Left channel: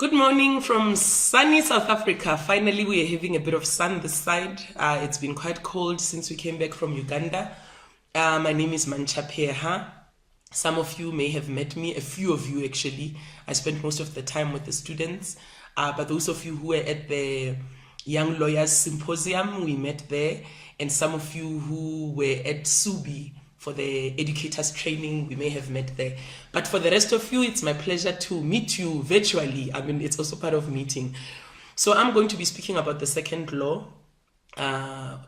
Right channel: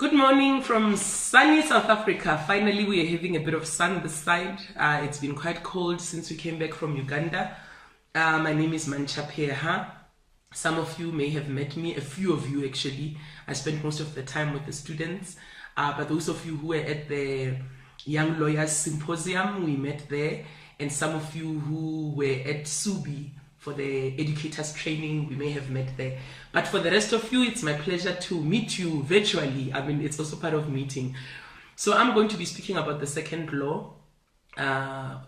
Good morning from sunny South Africa. Finally, we are having a bit of sun this side. It's been quite cold since we came back from Uganda. My name is Mantsha Pheeha. Some of you may have met me, a few of you actually. I spent most of the time with the students. But those of you who were at the Young Lawyers Symposium, we met there. And some of you who were at Subi for the educators training, we may have met there. But for the rest of you, it's my pleasure to meet you virtually. I mean, it's also part of meeting. So I'm going to be speaking about the second law out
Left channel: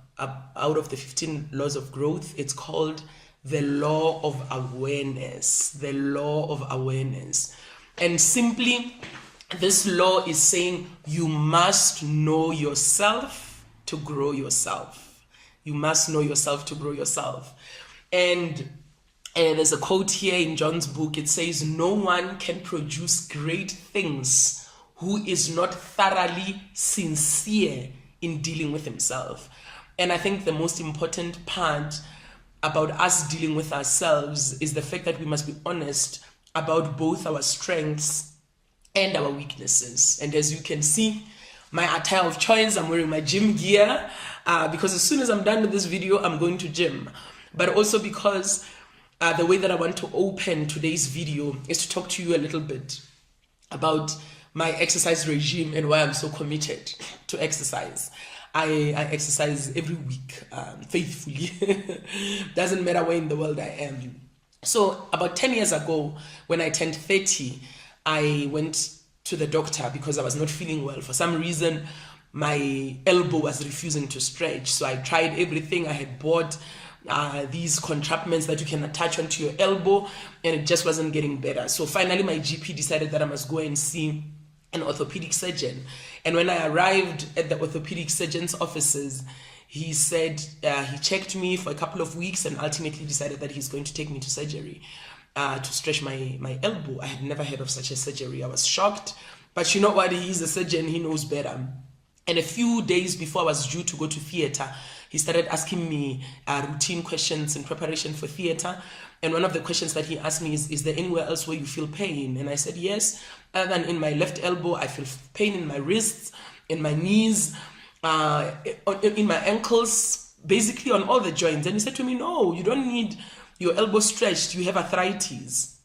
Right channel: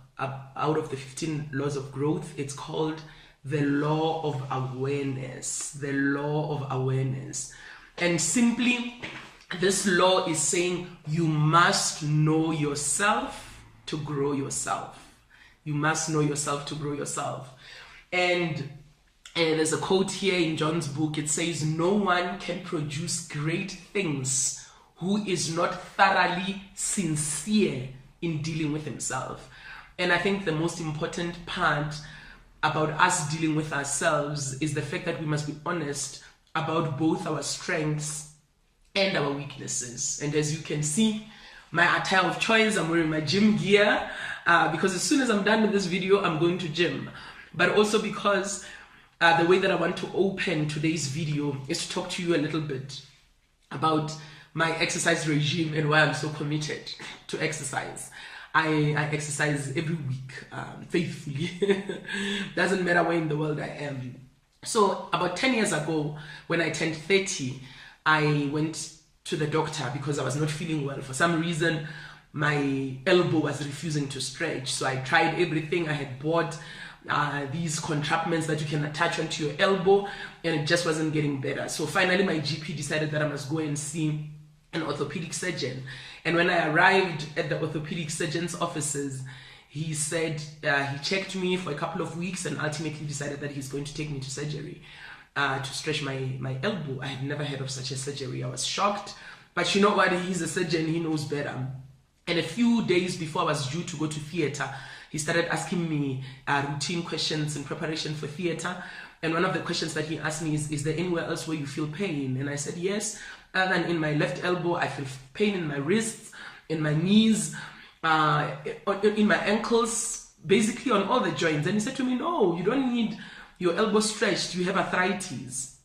of the 15 laws of growth. It's called the law of awareness. The law of awareness. And simply, this law is saying you must know yourself to grow yourself. You must know yourself to grow yourself. And there's a quote here in John's book. It says, no one can produce great things who is not thoroughly sincere in dealing with himself. And I think the most important part about us dealing with ourselves is the fact that we must be honest about both our strengths and our weaknesses. And as you can see, my attire of choice, I'm wearing my gym gear because as soon as I'm done with this video, I'm going to gym. But also because the way that I want to open today's video is to talk to you a little bit about my exercise regime and why I'm so committed to exercise. I exercise every week, faithfully. Doesn't matter where in the world I am. So about 10 years ago, when I turned 30, I went to the doctor because I was not feeling well. For some reason, my elbow was refusing to stretch. So I tried everything. I had bought these contraptions that you can attach onto your elbow, and it just wasn't getting better. So finally my GP decided that I must go and see an orthopedic surgeon. And when I arrived at the orthopedic surgeon's offices, he said he checked me for a couple of weeks and ultimately decided that he's going to take me to surgery to stretch my elbow. I had never heard of such a surgery. I was shocked, but you know what, he's a surgeon, he knows better. And a few days before I was due to go to theater, he started asking me routine questions in preparation for theater. And one of the questions that he asked me is there anywhere else where you feel pain? And I said, yes. Other than in my left elbow, I feel pain in my wrists, in my knees, in my ankles, basically on all the joints. And he said to me, no, you don't need your elbow stretched. You have arthritis.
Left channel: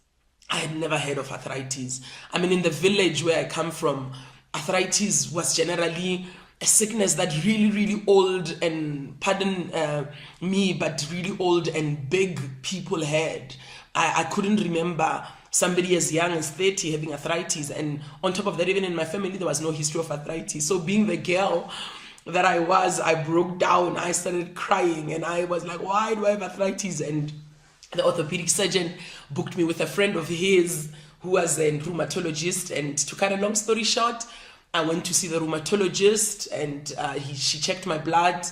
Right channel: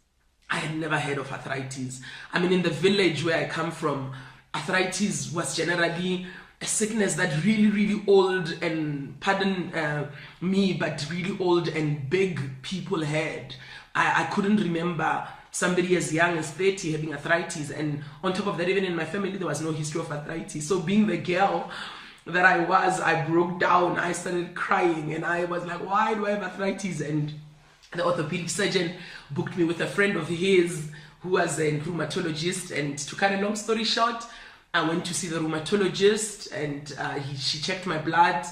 I had never heard of arthritis. I mean, in the village where I come from, arthritis was generally a sickness that really old and, pardon me, but really old and big people had. I couldn't remember somebody as young as 30 having arthritis. And on top of that, even in my family, there was no history of arthritis. So being the girl that I was, I broke down. I started crying and I was like, why do I have arthritis? And the orthopedic surgeon booked me with a friend of his who was a rheumatologist. And to cut a long story short, I went to see the rheumatologist and she checked my blood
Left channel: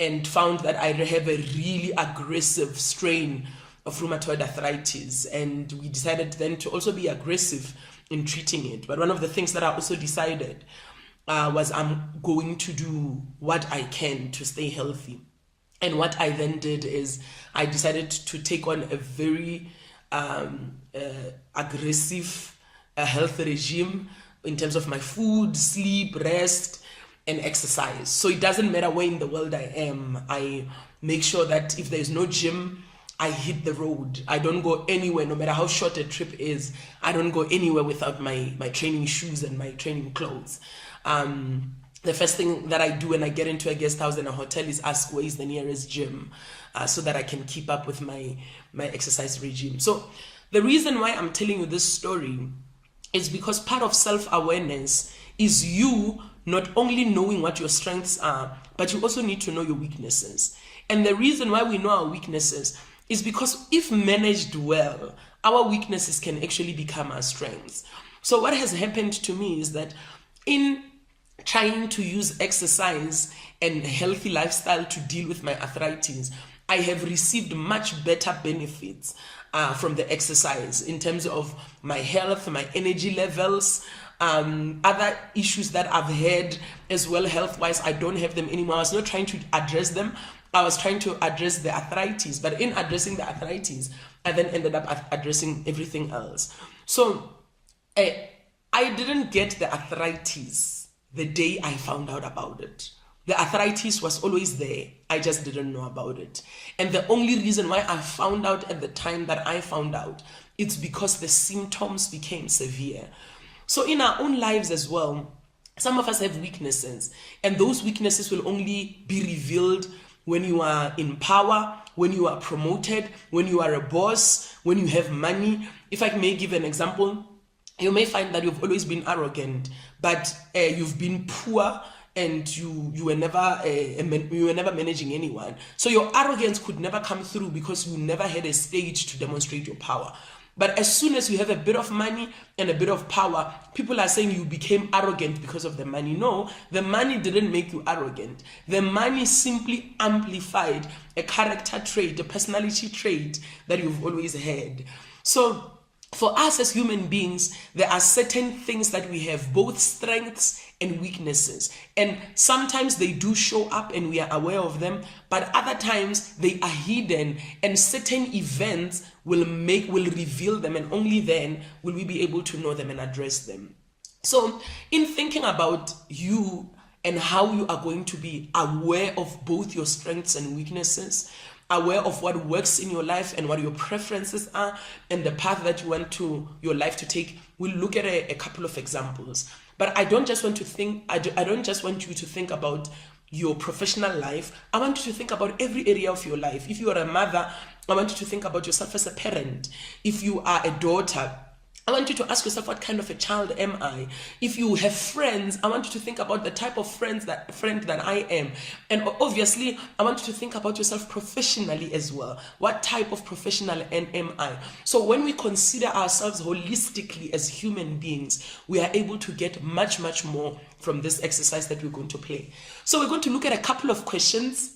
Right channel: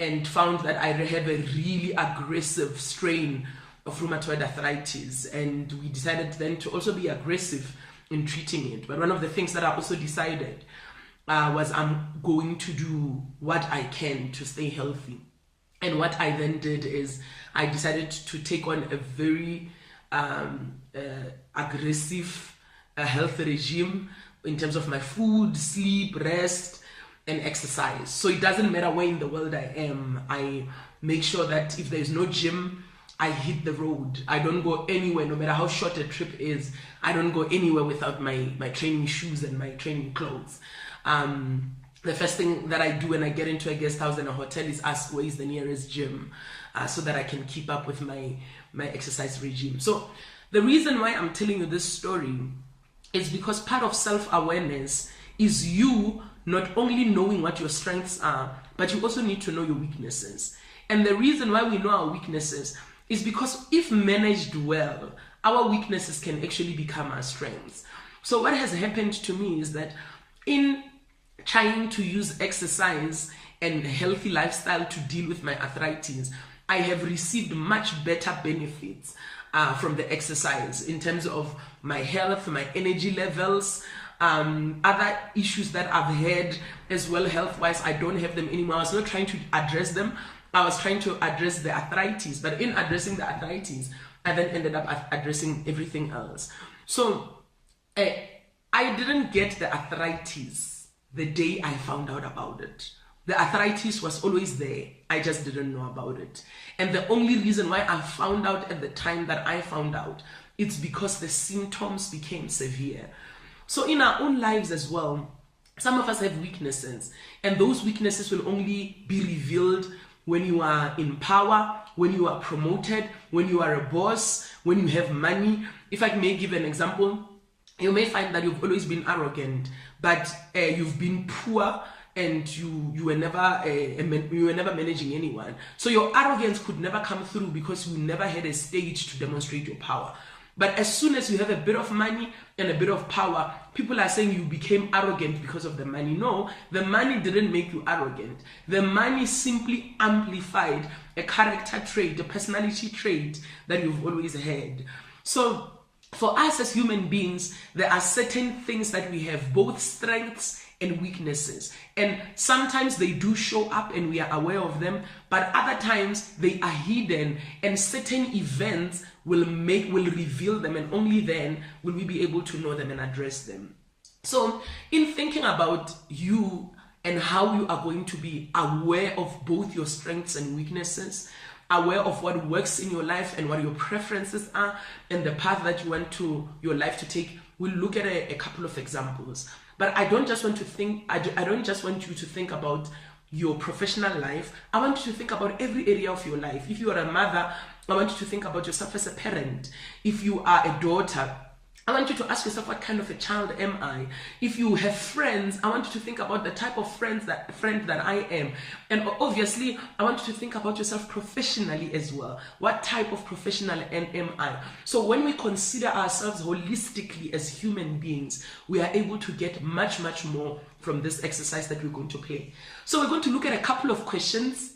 and found that I have a really aggressive strain of rheumatoid arthritis. And we decided then to also be aggressive in treating it. But one of the things that I also decided was I'm going to do what I can to stay healthy. And what I then did is I decided to take on a very aggressive health regime in terms of my food, sleep, rest, and exercise. So it doesn't matter where in the world I am. I make sure that if there's no gym, I hit the road. I don't go anywhere, no matter how short a trip is. I don't go anywhere without my training shoes and my training clothes. The first thing that I do when I get into a guest house and a hotel is ask where is the nearest gym so that I can keep up with my exercise regime. So the reason why I'm telling you this story is because part of self-awareness is you not only knowing what your strengths are, but you also need to know your weaknesses. And the reason why we know our weaknesses is because if managed well, our weaknesses can actually become our strengths. So what has happened to me is that in trying to use exercise and a healthy lifestyle to deal with my arthritis, I have received much better benefits from the exercise in terms of my health, my energy levels, other issues that I've had as well health-wise. I don't have them anymore. I was not trying to address them. I was trying to address the arthritis. But in addressing the arthritis, I then ended up addressing everything else. So I didn't get the arthritis the day I found out about it. The arthritis was always there. I just didn't know about it. And the only reason why I found out at the time that I found out, it's because the symptoms became severe. So in our own lives as well, some of us have weaknesses, and those weaknesses will only be revealed when you are in power, when you are promoted, when you are a boss, when you have money. If I may give an example, you may find that you've always been arrogant, but you've been poor and you were never managing anyone. So your arrogance could never come through because you never had a stage to demonstrate your power. But as soon as you have a bit of money and a bit of power, people are saying you became arrogant because of the money. No, the money didn't make you arrogant. The money simply amplified a character trait, a personality trait that you've always had. So for us as human beings, there are certain things that we have, both strengths and weaknesses. And sometimes they do show up and we are aware of them, but other times they are hidden, and certain events will reveal them, and only then will we be able to know them and address them. So in thinking about you and how you are going to be aware of both your strengths and weaknesses, aware of what works in your life and what your preferences are and the path that you want your life to take, we'll look at a couple of examples. But I don't just want you to think about your professional life. I want you to think about every area of your life. If you are a mother, I want you to think about yourself as a parent. If you are a daughter, I want you to ask yourself, what kind of a child am I? If you have friends, I want you to think about the type of friend that I am. And obviously, I want you to think about yourself professionally as well. What type of professional am I? So when we consider ourselves holistically as human beings, we are able to get much, much more from this exercise that we're going to play. So we're going to look at a couple of questions,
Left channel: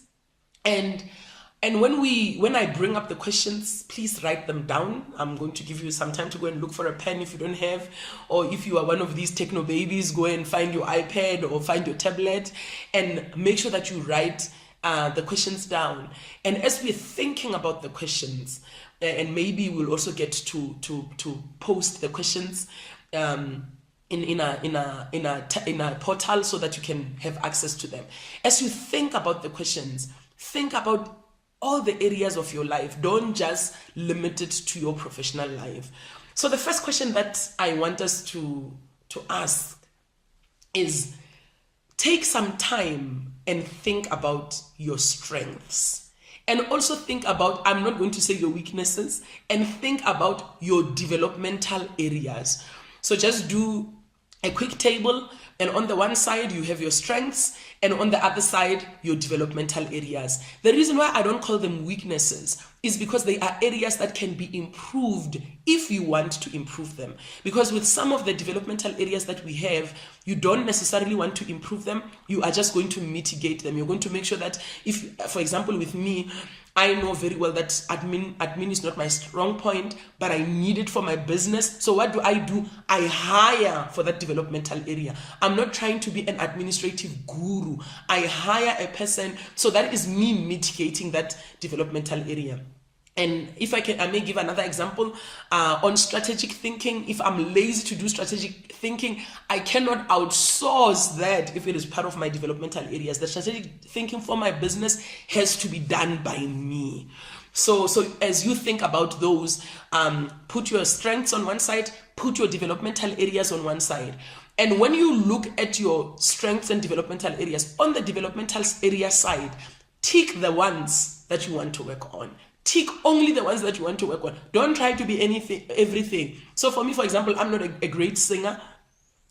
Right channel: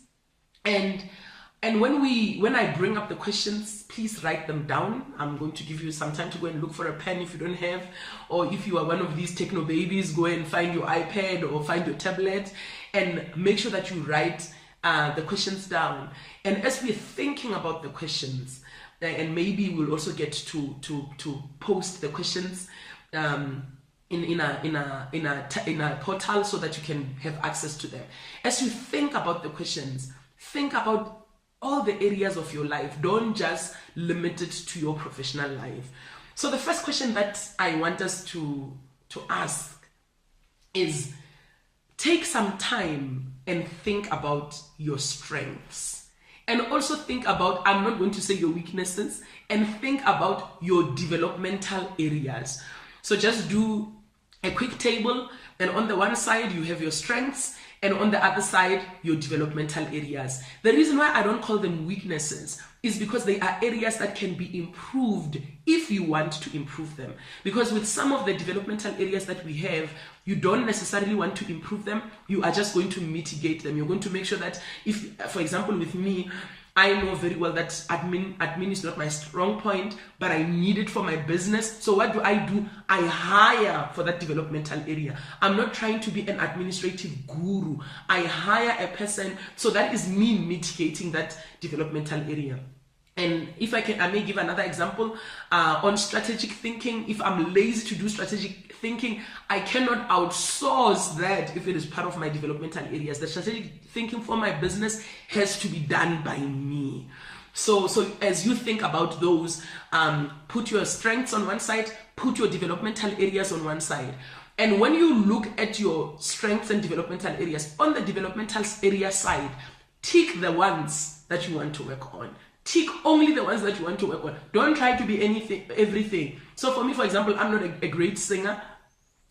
and when I bring up the questions, please write them down. I'm going to give you some time to go and look for a pen if you don't have, or if you are one of these techno babies, go and find your iPad or find your tablet and make sure that you write the questions down. And as we're thinking about the questions, and maybe we'll also get to post the questions in a portal so that you can have access to them. As you think about the questions, think about all the areas of your life. Don't just limit it to your professional life. So the first question that I want us to ask is, take some time and think about your strengths. And also think about, I'm not going to say your weaknesses, and think about your developmental areas. So just do a quick table, and on the one side you have your strengths, and on the other side, your developmental areas. The reason why I don't call them weaknesses is because they are areas that can be improved if you want to improve them. Because with some of the developmental areas that we have, you don't necessarily want to improve them. You are just going to mitigate them. You're going to make sure that if, for example, with me, I know very well that admin is not my strong point, but I need it for my business. So what do? I hire for that developmental area. I'm not trying to be an administrative guru. I hire a person. So that is me mitigating that developmental area. And if I may give another example on strategic thinking. If I'm lazy to do strategic thinking, I cannot outsource that if it is part of my developmental areas. The strategic thinking for my business has to be done by me. So as you think about those, put your strengths on one side, put your developmental areas on one side. And when you look at your strengths and developmental areas, on the developmental area side, tick the ones that you want to work on. Tick only the ones that you want to work on. Don't try to be everything. So for me, for example, I'm not a great singer,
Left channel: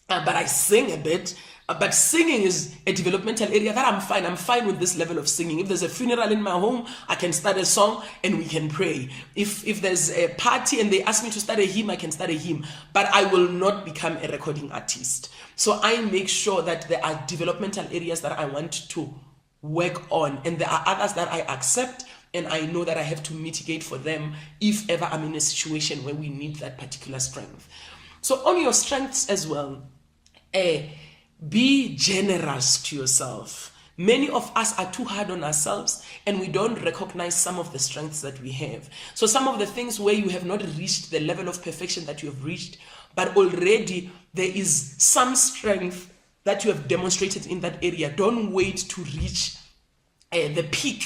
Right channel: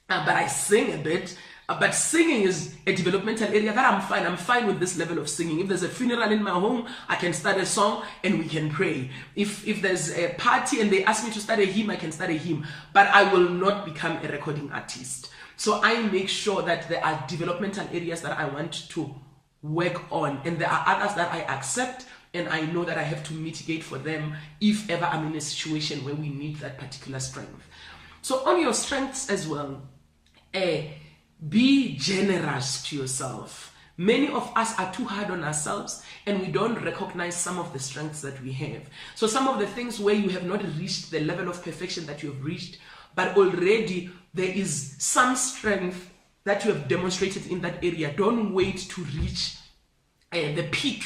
but I sing a bit. But singing is a developmental area that I'm fine. I'm fine with this level of singing. If there's a funeral in my home, I can start a song and we can pray. If there's a party and they ask me to start a hymn, I can start a hymn. But I will not become a recording artist. So I make sure that there are developmental areas that I want to work on, and there are others that I accept, and I know that I have to mitigate for them if ever I'm in a situation where we need that particular strength. So on your strengths as well, be generous to yourself. Many of us are too hard on ourselves and we don't recognize some of the strengths that we have. So some of the things where you have not reached the level of perfection that you have reached, but already there is some strength that you have demonstrated in that area. Don't wait to reach the peak.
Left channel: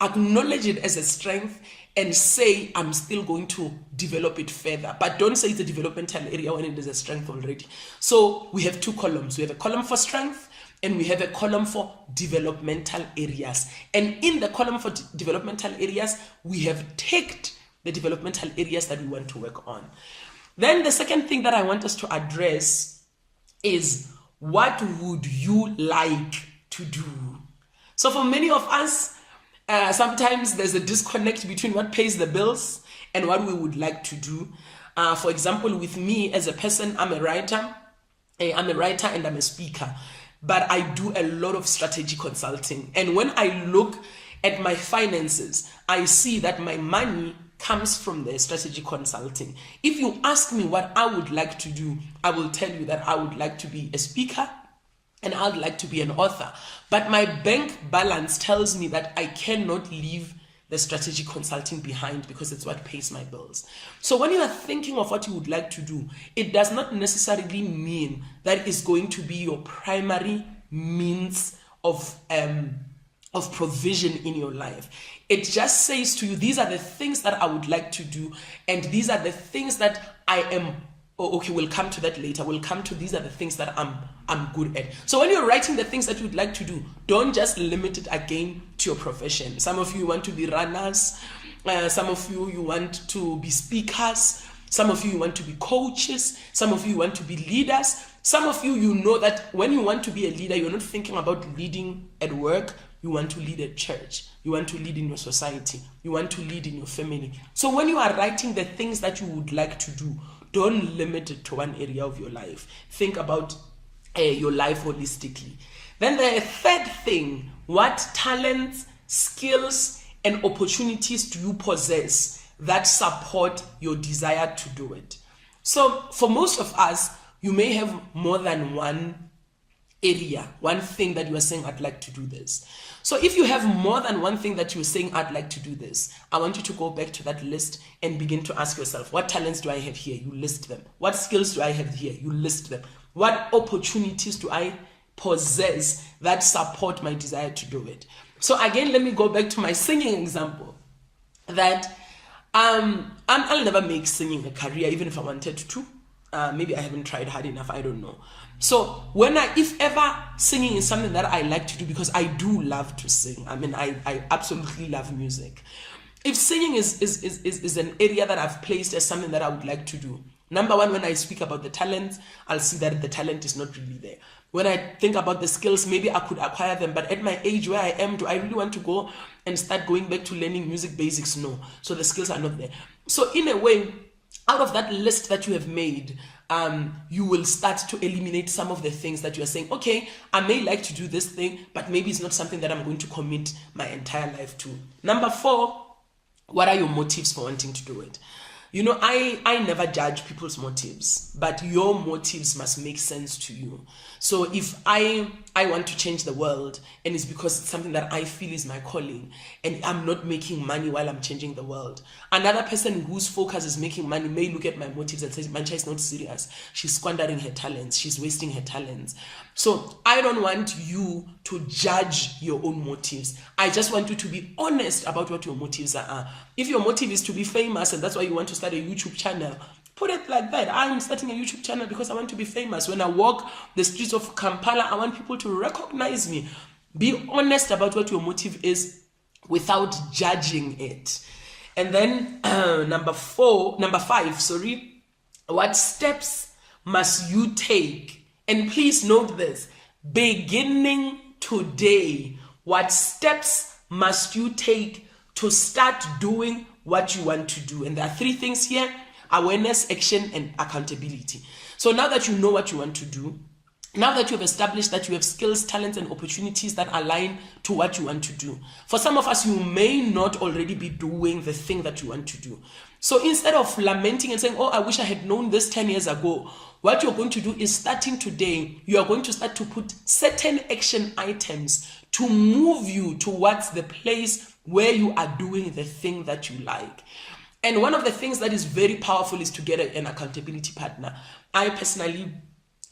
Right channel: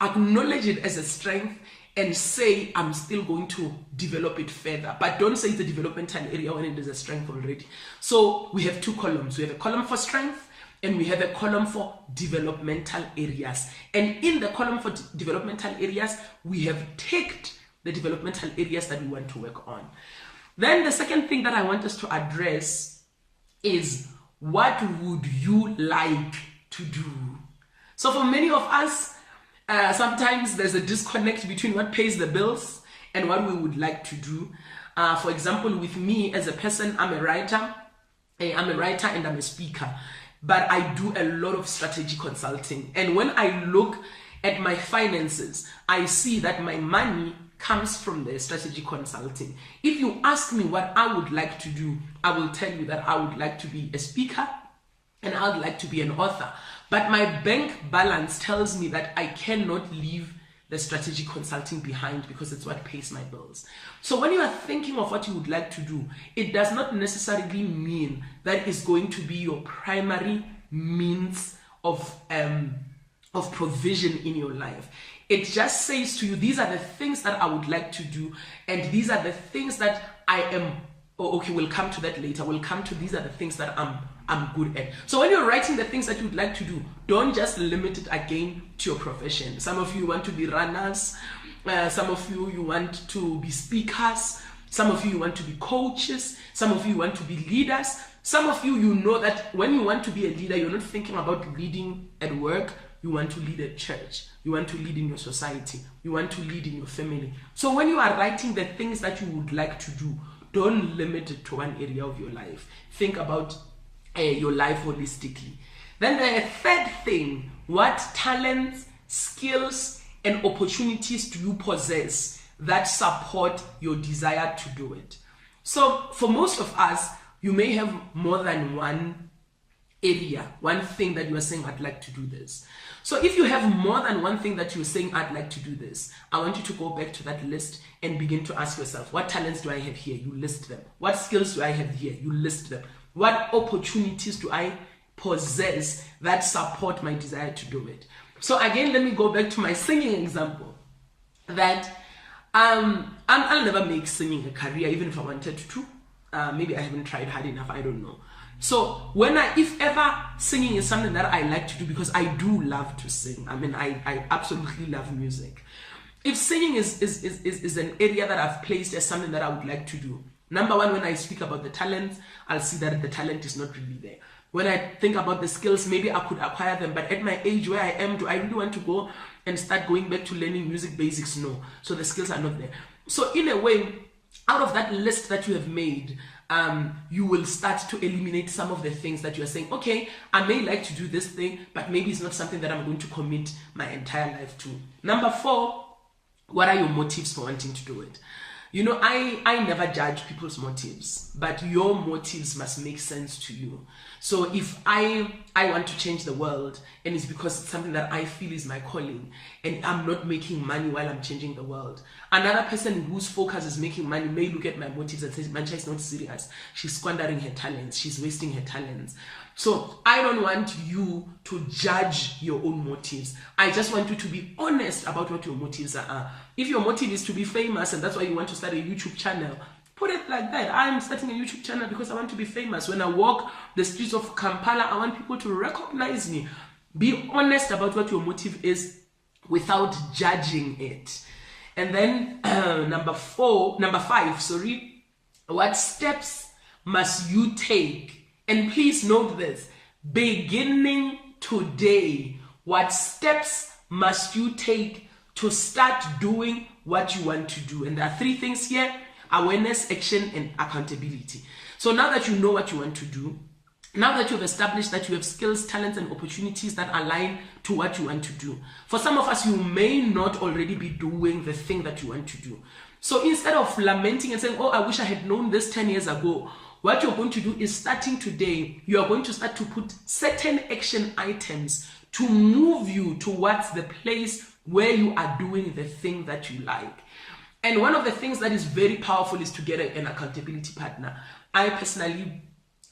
Acknowledge it as a strength and say, I'm still going to develop it further. But don't say it's a developmental area when it is a strength already. So we have two columns. We have a column for strength and we have a column for developmental areas. And in the column for developmental areas, we have ticked the developmental areas that we want to work on. Then the second thing that I want us to address is, what would you like to do? So for many of us, sometimes there's a disconnect between what pays the bills and what we would like to do. For example, with me as a person, I'm a writer and I'm a speaker, but I do a lot of strategy consulting. And when I look at my finances, I see that my money comes from the strategy consulting. If you ask me what I would like to do, I will tell you that I would like to be a speaker and I would like to be an author. But my bank balance tells me that I cannot leave the strategic consulting behind because it's what pays my bills. So when you are thinking of what you would like to do, it does not necessarily mean that it's going to be your primary means of provision in your life. It just says to you, these are the things that I would like to do, and these are the things that I am. Oh, okay, we'll come to that later. We'll come to these are the things that I'm good at. So when you're writing the things that you'd like to do, don't just limit it again to your profession. Some of you want to be runners. Some of you want to be speakers. Some of you want to be coaches. Some of you want to be leaders. Some of you, you know that when you want to be a leader, you're not thinking about leading at work. You want to lead at church. You want to lead in your society. You want to lead in your family. So when you are writing the things that you would like to do, don't limit it to one area of your life. Think about your life holistically. Then the third thing, what talents, skills, and opportunities do you possess that support your desire to do it? So for most of us, you may have more than one area, one thing that you are saying, I'd like to do this. So if you have more than one thing that you're saying, I'd like to do this, I want you to go back to that list and begin to ask yourself, what talents do I have here? You list them. What skills do I have here? You list them. What opportunities do I possess that support my desire to do it? So again, let me go back to my singing example. That I'll never make singing a career, even if I wanted to. Maybe I haven't tried hard enough, I don't know. So if ever singing is something that I like to do, because I do love to sing. I mean, I absolutely love music. If singing is an area that I've placed as something that I would like to do, number one, when I speak about the talent, I'll see that the talent is not really there. When I think about the skills, maybe I could acquire them, but at my age where I am, do I really want to go and start going back to learning music basics? No. So the skills are not there. So in a way, out of that list that you have made, you will start to eliminate some of the things that you are saying, okay, I may like to do this thing, but maybe it's not something that I'm going to commit my entire life to. Number 4, what are your motives for wanting to do it? You know, I never judge people's motives, but your motives must make sense to you. So if I want to change the world, and it's because it's something that I feel is my calling, and I'm not making money while I'm changing the world. Another person whose focus is making money may look at my motives and say, Mantsha is not serious. She's squandering her talents. She's wasting her talents. So I don't want you to judge your own motives. I just want you to be honest about what your motives are. If your motive is to be famous and that's why you want to start a YouTube channel, put it like that. I'm starting a YouTube channel because I want to be famous. When I walk the streets of Kampala, I want people to recognize me. Be honest about what your motive is without judging it. And then number 5, what steps must you take? And please note this, beginning today, what steps must you take to start doing what you want to do? And there are 3 things here: awareness, action, and accountability. So now that you know what you want to do, now that you've established that you have skills, talents, and opportunities that align to what you want to do. For some of us, you may not already be doing the thing that you want to do. So instead of lamenting and saying, oh, I wish I had known this 10 years ago, what you're going to do is, starting today, you are going to start to put certain action items to move you towards the place where you are doing the thing that you like. And one of the things that is very powerful is to get an accountability partner. I personally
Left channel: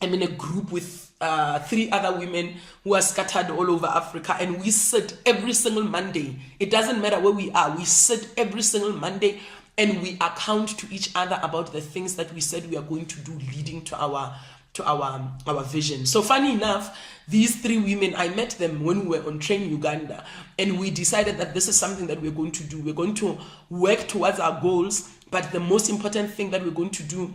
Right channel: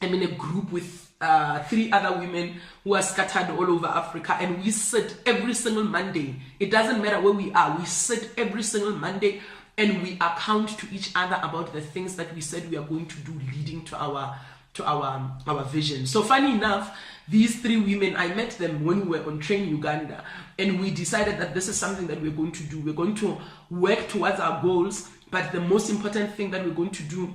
am in a group with 3 other women who are scattered all over Africa, and we sit every single Monday. It doesn't matter where we are. We sit every single Monday and we account to each other about the things that we said we are going to do, leading to our vision. So funny enough, these 3 women, I met them when we were on TRAiN Uganda, and we decided that this is something that we're going to do. We're going to work towards our goals, but the most important thing that we're going to do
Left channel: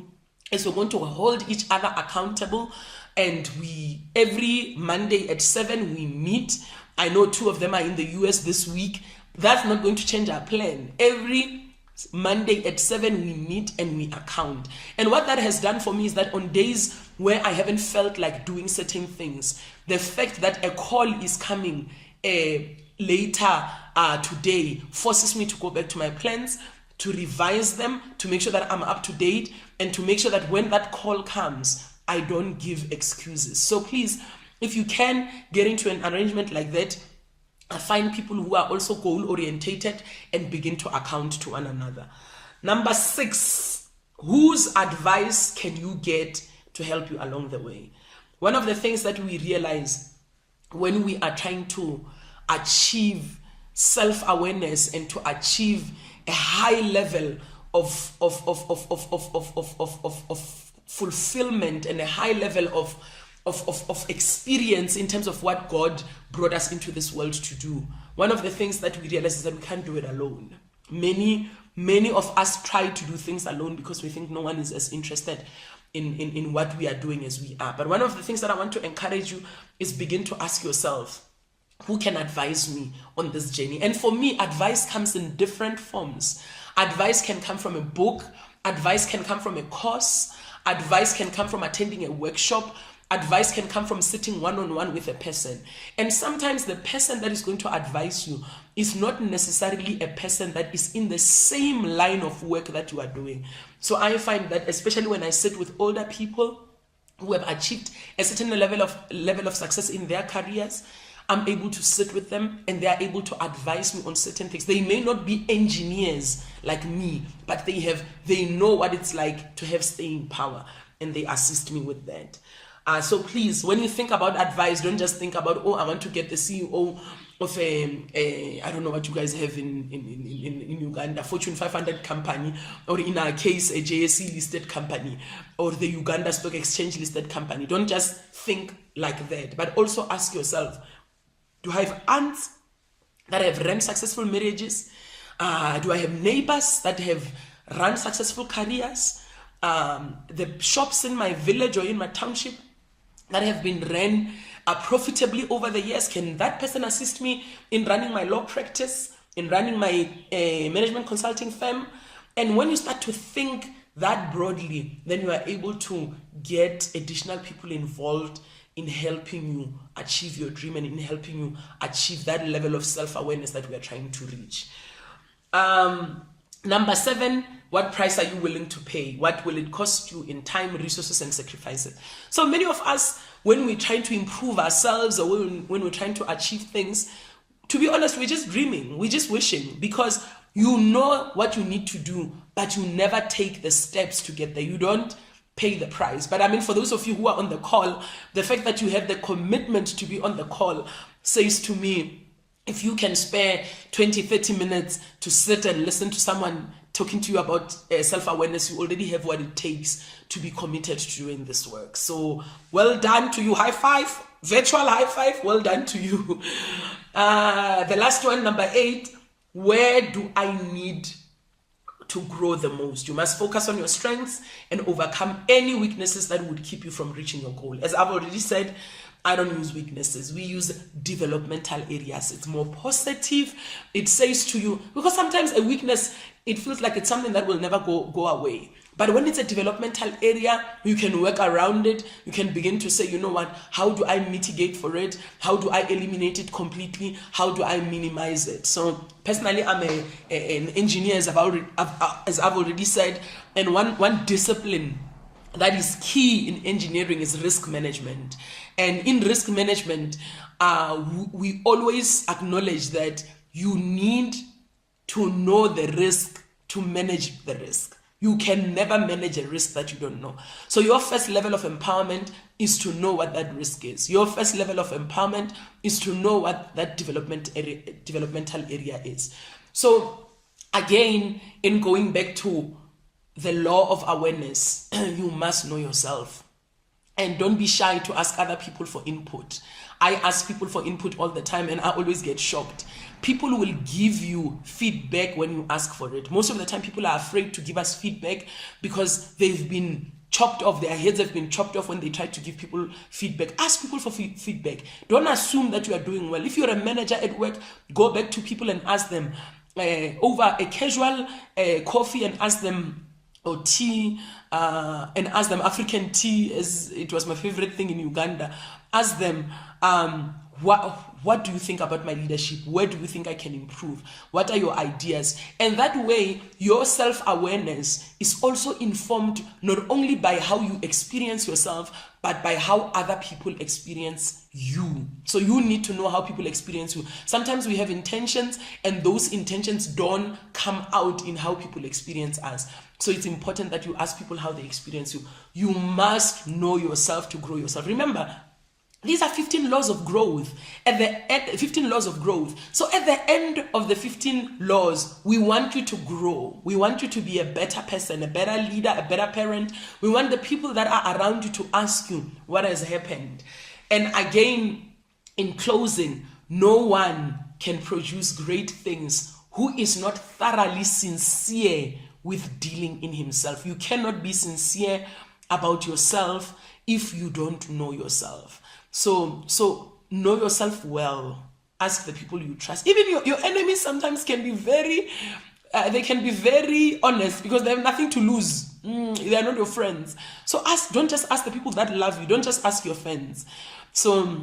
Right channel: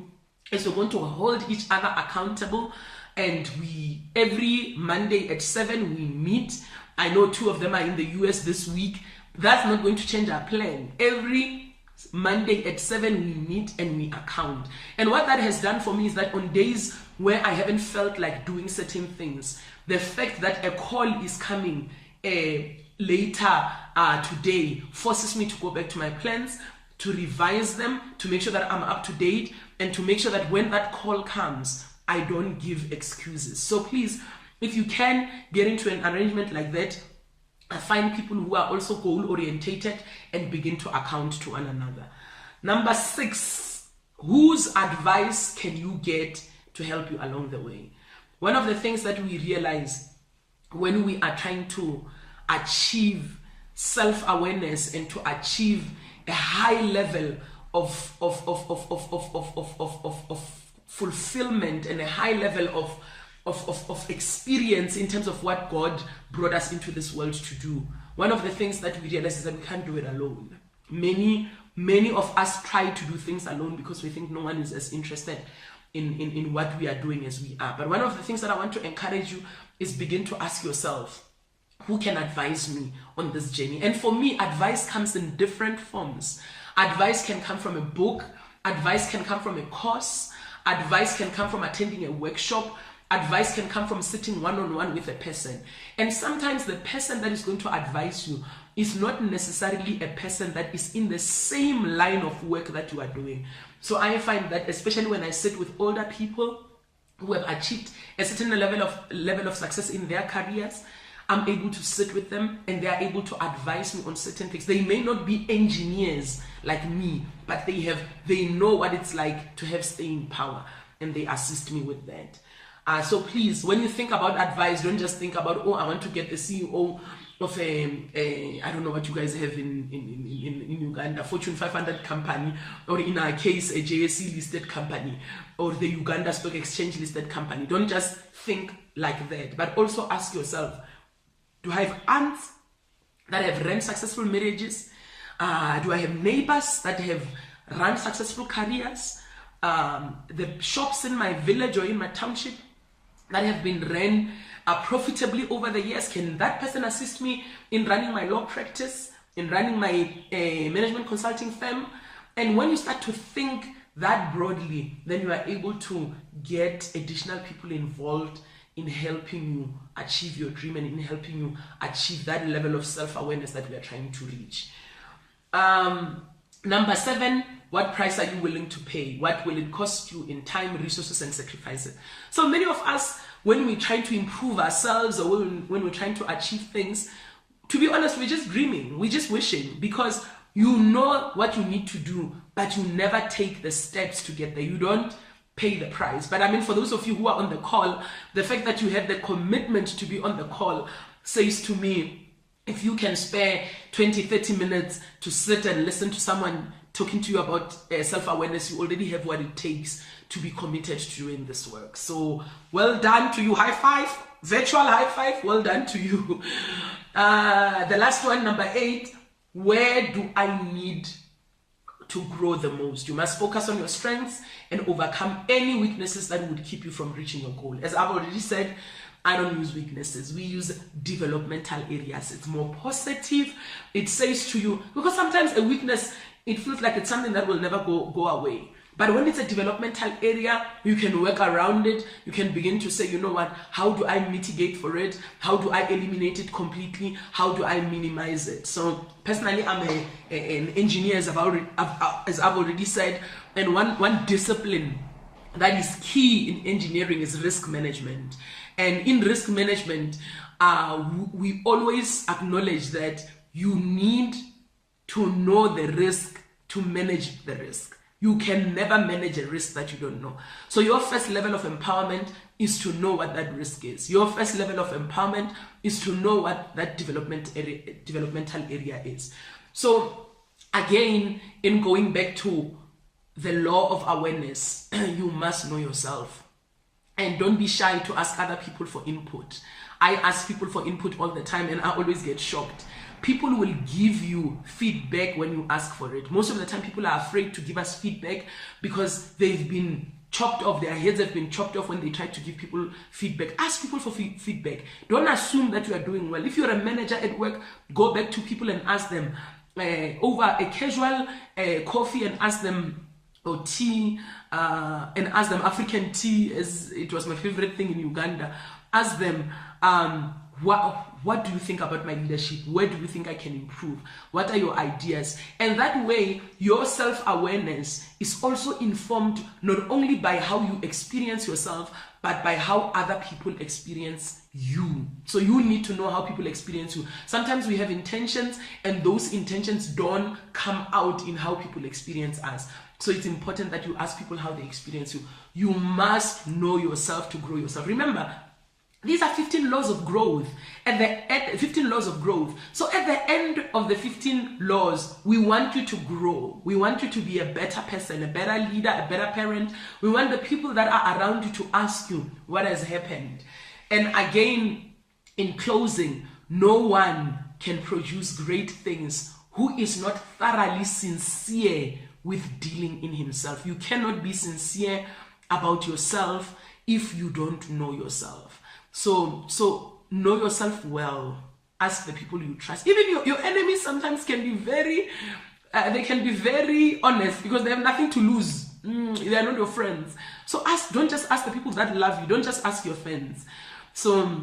is we're going to hold each other accountable. And we, every Monday at 7, we meet. I know 2 of them are in the US this week. That's not going to change our plan. Every Monday at 7, we meet and we account. And what that has done for me is that on days where I haven't felt like doing certain things, the fact that a call is coming later today forces me to go back to my plans, to revise them, to make sure that I'm up to date, and to make sure that when that call comes, I don't give excuses. So please, if you can get into an arrangement like that, find people who are also goal-orientated and begin to account to one another. Number 6, whose advice can you get to help you along the way? One of the things that we realize when we are trying to achieve self-awareness and to achieve a high level of fulfillment and a high level of experience in terms of what God brought us into this world to do, one of the things that we realize is that we can't do it alone. Many of us try to do things alone because we think no one is as interested in what we are doing as we are. But one of the things that I want to encourage you is begin to ask yourself, who can advise me on this journey? And for me, advice comes in different forms. Advice can come from a book, advice can come from a course, advice can come from attending a workshop, advice can come from sitting one-on-one with a person. And sometimes the person that is going to advise you is not necessarily a person that is in the same line of work that you are doing. So I find that especially when I sit with older people who have achieved a certain level of success in their careers, I'm able to sit with them and they are able to advise me on certain things. They may not be engineers like me, but they know what it's like to have staying power, and they assist me with that. So please, when you think about advice, don't just think about, oh, I want to get the CEO of I don't know what you guys have in Uganda, Fortune 500 company, or in our case, a JSE listed company, or the Uganda Stock Exchange listed company. Don't just think like that, but also ask yourself, do I have aunts that have run successful marriages? Do I have neighbors that have run successful careers? The shops in my village or in my township that have been run profitably over the years, can that person assist me in running my law practice, in running my management consulting firm? And when you start to think that broadly, then you are able to get additional people involved in helping you achieve your dream and in helping you achieve that level of self-awareness that we are trying to reach. Number 7, what price are you willing to pay? What will it cost you in time, resources, and sacrifices? So many of us, when we try to improve ourselves or when we're trying to achieve things, to be honest, we're just dreaming, we're just wishing, because you know what you need to do, but you never take the steps to get there. You don't pay the price. But I mean, for those of you who are on the call, the fact that you have the commitment to be on the call says to me, if you can spare 20-30 minutes to sit and listen to someone talking to you about self-awareness, you already have what it takes to be committed to doing this work. So well done to you. High five, virtual high five. Well done to you. The last one, number 8, where do I need to grow the most? You must focus on your strengths and overcome any weaknesses that would keep you from reaching your goal. As I've already said, I don't use weaknesses. We use developmental areas. It's more positive. It says to you, because sometimes a weakness, it feels like it's something that will never go away. But when it's a developmental area, you can work around it. You can begin to say, you know what, how do I mitigate for it? How do I eliminate it completely? How do I minimize it? So personally, I'm an engineer, as I've already said. And one discipline that is key in engineering is risk management. And in risk management, we always acknowledge that you need to know the risk to manage the risk. You can never manage a risk that you don't know. So your first level of empowerment is to know what that risk is. Your first level of empowerment is to know what that developmental area is. So again, in going back to the law of awareness, you must know yourself. And don't be shy to ask other people for input. I ask people for input all the time, and I always get shocked. People will give you feedback when you ask for it. Most of the time, people are afraid to give us feedback because they've been chopped off. Their heads have been chopped off when they try to give people feedback. Ask people for feedback. Don't assume that you are doing well. If you're a manager at work, go back to people and ask them over a casual coffee, and ask them, or tea, and ask them African tea, as it was my favorite thing in Uganda. Ask them, what do you think about my leadership? Where do you think I can improve? What are your ideas? And that way, your self-awareness is also informed not only by how you experience yourself, but by how other people experience you. So you need to know how people experience you. Sometimes we have intentions, and those intentions don't come out in how people experience us. So it's important that you ask people how they experience you. You must know yourself to grow yourself. Remember, these are 15 laws of growth. At the end, 15 laws of growth. So at the end of the 15 laws, we want you to grow. We want you to be a better person, a better leader, a better parent. We want the people that are around you to ask you what has happened. And again, in closing, no one can produce great things who is not thoroughly sincere with dealing in himself. You cannot be sincere about yourself if you don't know yourself. So know yourself well. Ask the people you trust. Even your enemies sometimes can be very honest because they have nothing to lose. They are not your friends. So don't just ask the people that love you. Don't just ask your friends. So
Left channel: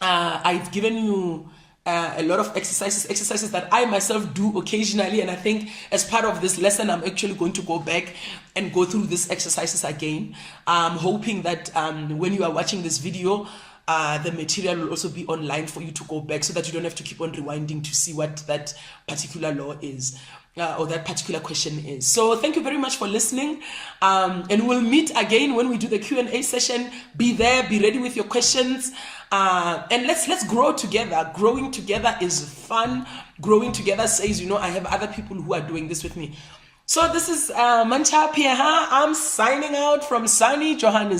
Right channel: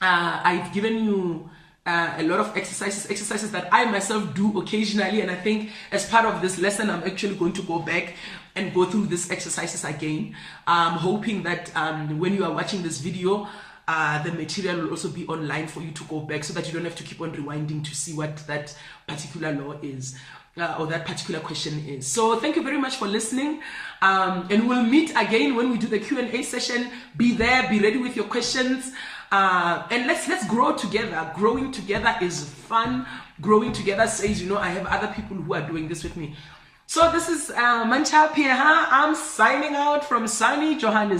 I've given you a lot of exercises that I myself do occasionally, and I think as part of this lesson, I'm actually going to go back and go through these exercises again. I'm hoping that when you are watching this video, the material will also be online for you to go back so that you don't have to keep on rewinding to see what that particular law is or that particular question is. So thank you very much for listening, and we'll meet again when we do the Q&A session. Be there, be ready with your questions, and let's grow together. Growing together is fun. Growing together says, I have other people who are doing this with me. So this is Mantsha. I'm signing out from sunny Johannesburg.